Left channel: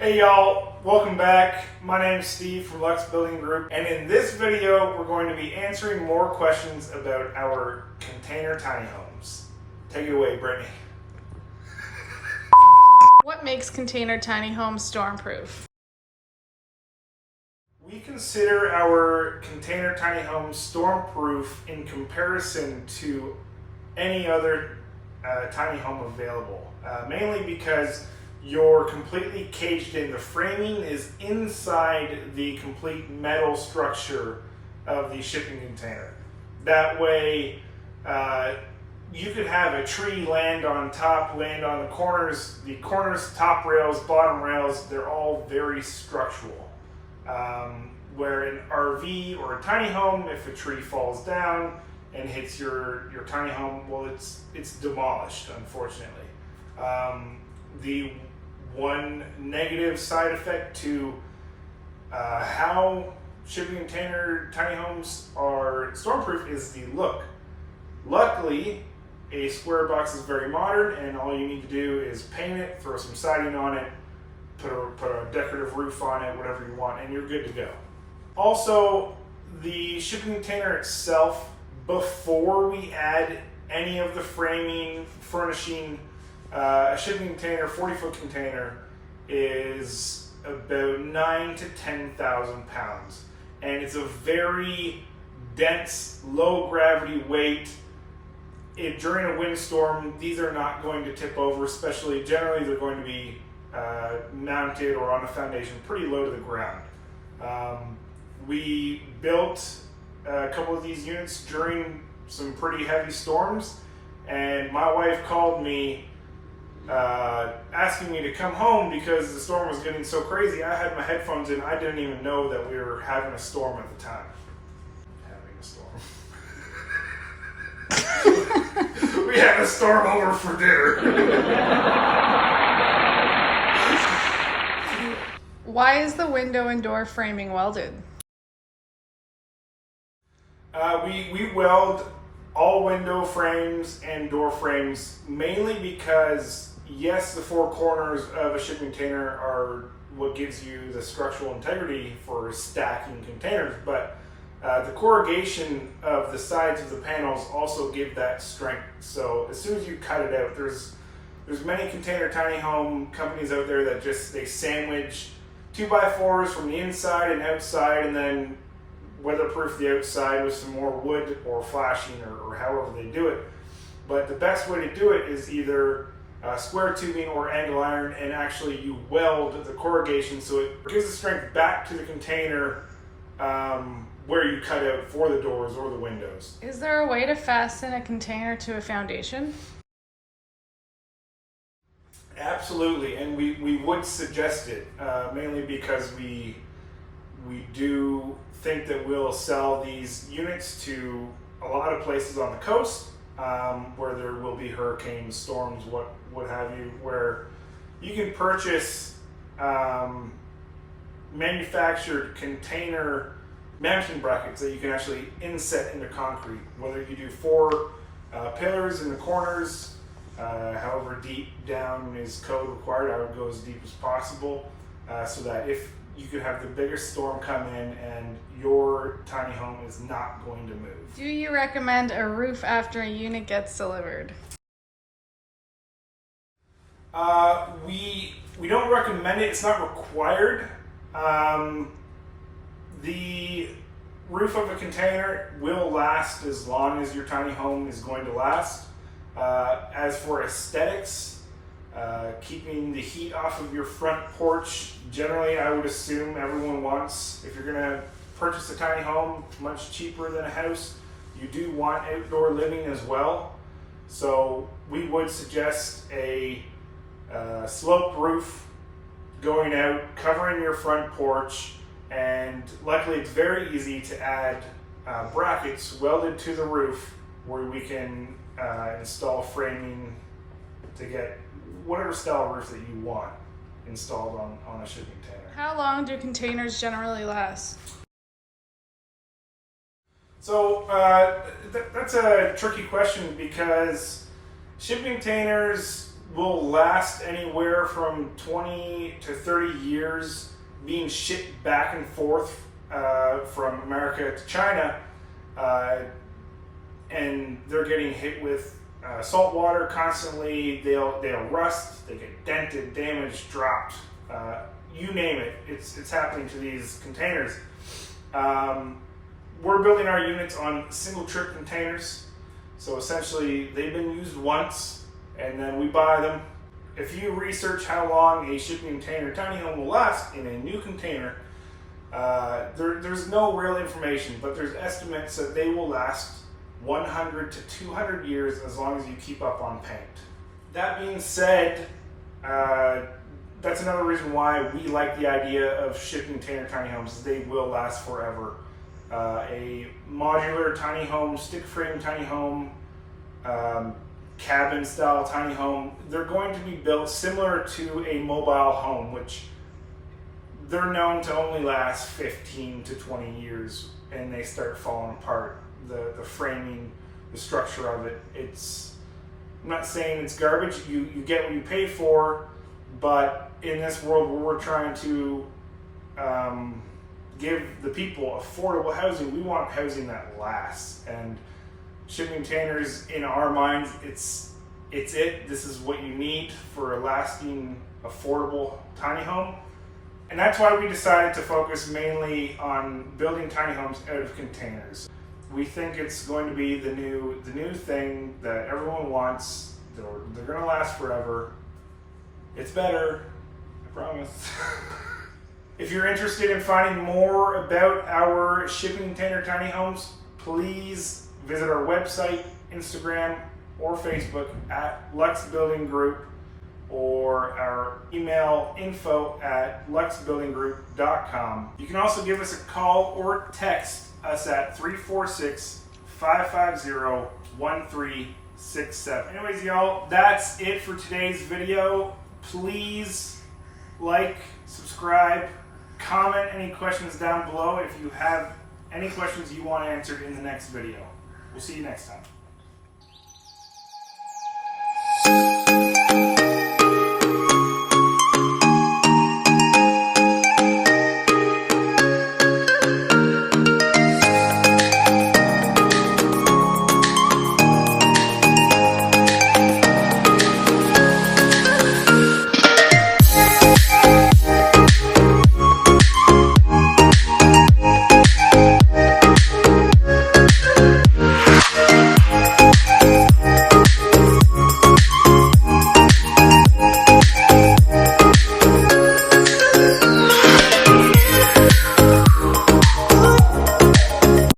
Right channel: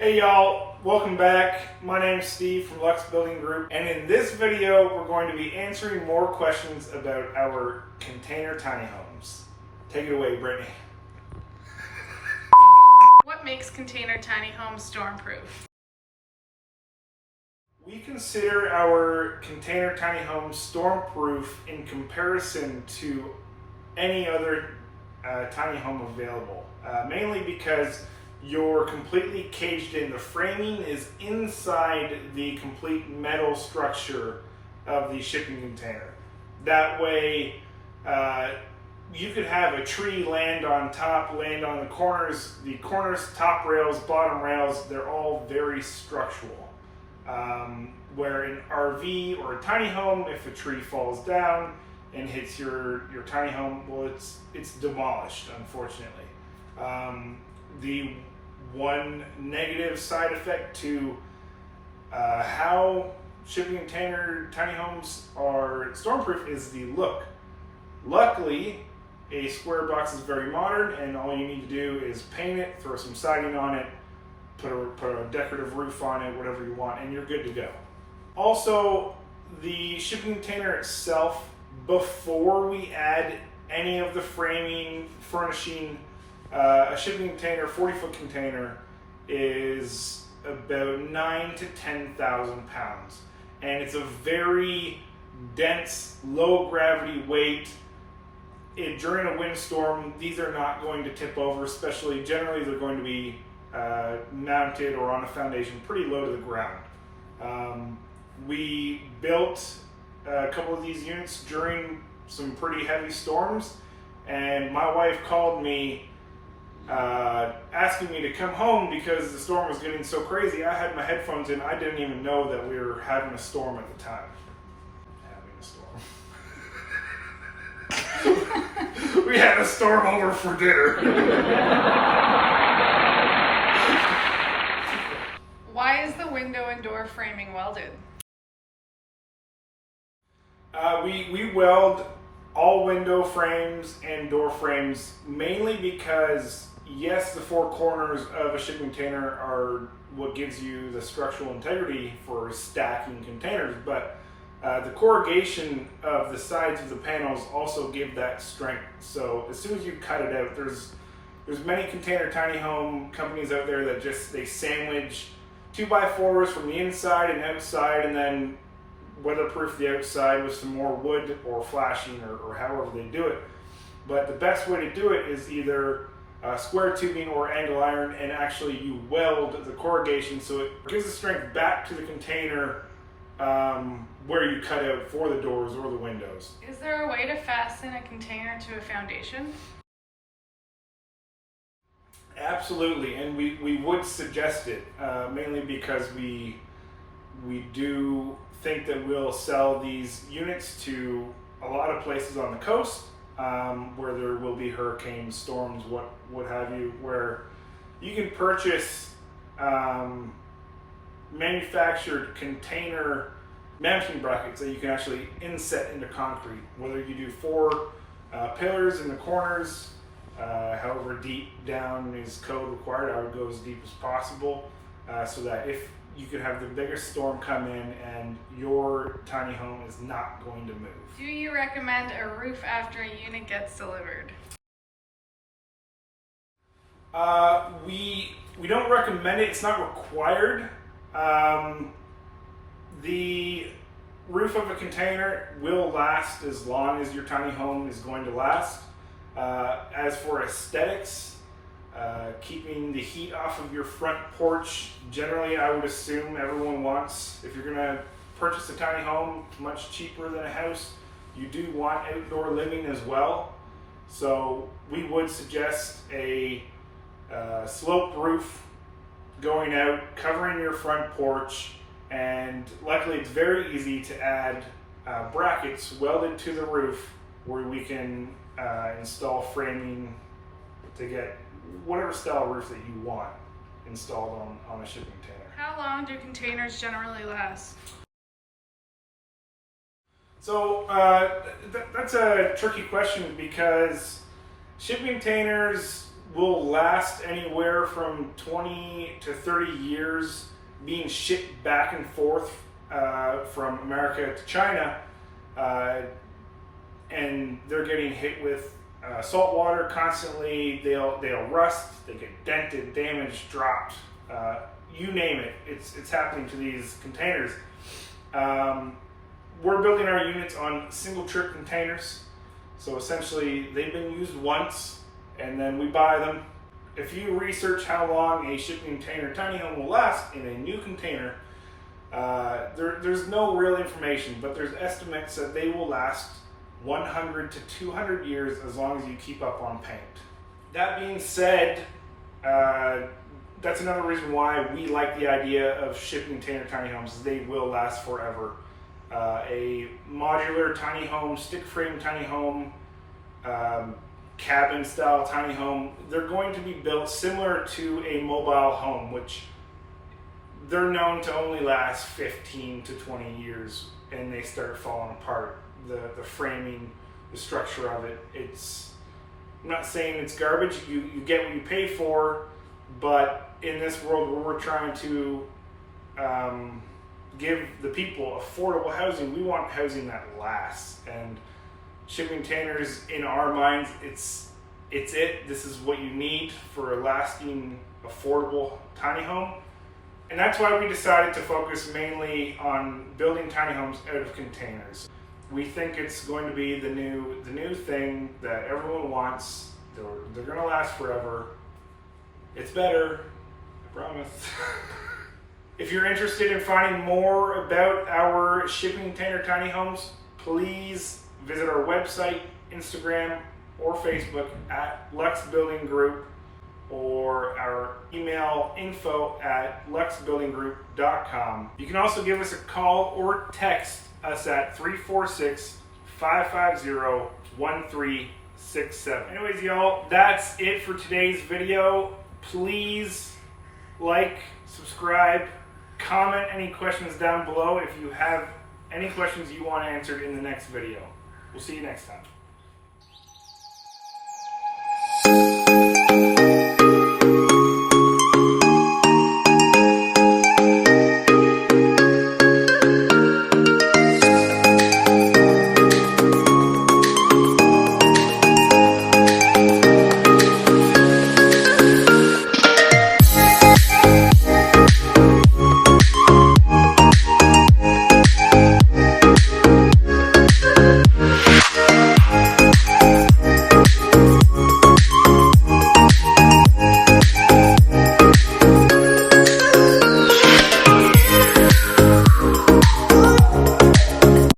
Hey y'all, welcome back. My name is Steve from luxbuildinggroup, and in this video we're going to be answering more questions about our container tiny homes. Take it away, Brittany. What makes container tiny homes stormproof? We consider our container tiny homes stormproof in comparison to any other tiny home available, mainly because you're completely caged in. The framing is inside the complete metal structure of the shipping container. That way, you could have a tree land on top, land on the corners. The corners, top rails, bottom rails, they're all very structural. Where an RV or a tiny home, if a tree falls down and hits your tiny home, well, it's demolished, unfortunately. The one negative side effect to how shipping container tiny homes are stormproof is the look. Luckily, a square box is very modern, and all you need to do is paint it, throw some siding on it, put a decorative roof on it, whatever you want, and you're good to go. Also, the shipping container itself, before we add any of the framing, furnishing, a shipping container, 40-foot container, is about 9,000 to 10,000 pounds. And it's a very dense, low gravity weight. During a windstorm, these are not going to tip over, especially generally they're going to be mounted or on a foundation pretty low to the ground. We built a couple of these units during some pretty heavy storms, and my wife called me asking me to come home because the storm was getting so crazy. I had my headphones in. I didn't even know that we were having a storm at the time. We had a storm over for dinner. Why is the window and door framing welded? We weld all window frames and door frames mainly because, yes, the four corners of a shipping container are what gives you the structural integrity for stacking containers, but the corrugation of the sides of the panels also give that strength. So as soon as you cut it out, there's many container tiny home companies out there that they sandwich 2x4s from the inside and outside, and then weatherproof the outside with some more wood or flashing or however they do it. But the best way to do it is either square tubing or angle iron, and actually you weld the corrugation so it gives the strength back to the container where you cut out for the doors or the windows. Is there a way to fasten a container to a foundation? Absolutely, and we would suggest it, mainly because we do think that we'll sell these units to a lot of places on the coast, where there will be hurricanes, storms, what have you, where you can purchase manufactured container mounting brackets that you can actually inset into concrete, whether you do 4 pillars in the corners, however deep down is code required. I would go as deep as possible, so that if you could have the biggest storm come in and your tiny home is not going to move. Do you recommend a roof after a unit gets delivered? We don't recommend it. It's not required. The roof of a container will last as long as your tiny home is going to last. As for aesthetics, keeping the heat off of your front porch, generally I would assume everyone wants, if you're going to purchase a tiny home much cheaper than a house, you do want outdoor living as well. So we would suggest a sloped roof going out, covering your front porch, and luckily it's very easy to add brackets welded to the roof where we can install framing to get whatever style roof that you want installed on a shipping container. How long do containers generally last? So that's a tricky question because shipping containers will last anywhere from 20 to 30 years, being shipped back and forth from America to China, and they're getting hit with salt water constantly. They'll rust, they get dented, damaged, dropped, you name it. It's happening to these containers. We're building our units on single trip containers, so essentially they've been used once and then we buy them. If you research how long a shipping container tiny home will last in a new container, there's no real information, but there's estimates that they will last 100 to 200 years as long as you keep up on paint. That being said, that's another reason why we like the idea of shipping container tiny homes. They will last forever. A modular tiny home, stick frame tiny home, cabin style tiny home, they're going to be built similar to a mobile home, which they're known to only last 15 to 20 years and they start falling apart. The framing, the structure of it, I'm not saying it's garbage, you get what you pay for, but in this world where we're trying to give the people affordable housing, we want housing that lasts, and shipping containers, in our minds, it's it. This is what you need for a lasting, affordable tiny home. And that's why we decided to focus mainly on building tiny homes out of containers. We think it's going to be the new thing that everyone wants. They're going to last forever. It's better, I promise. If you're interested in finding more about our shipping container tiny homes, please visit our website, Instagram, or Facebook at luxbuildinggroup, or our email info@luxbuildinggroup.com. You can also give us a call or text us at 346-550-1367. Anyways, y'all, that's it for today's video. Please like, subscribe, comment any questions down below if you have any questions you want answered in the next video. We'll see you next time.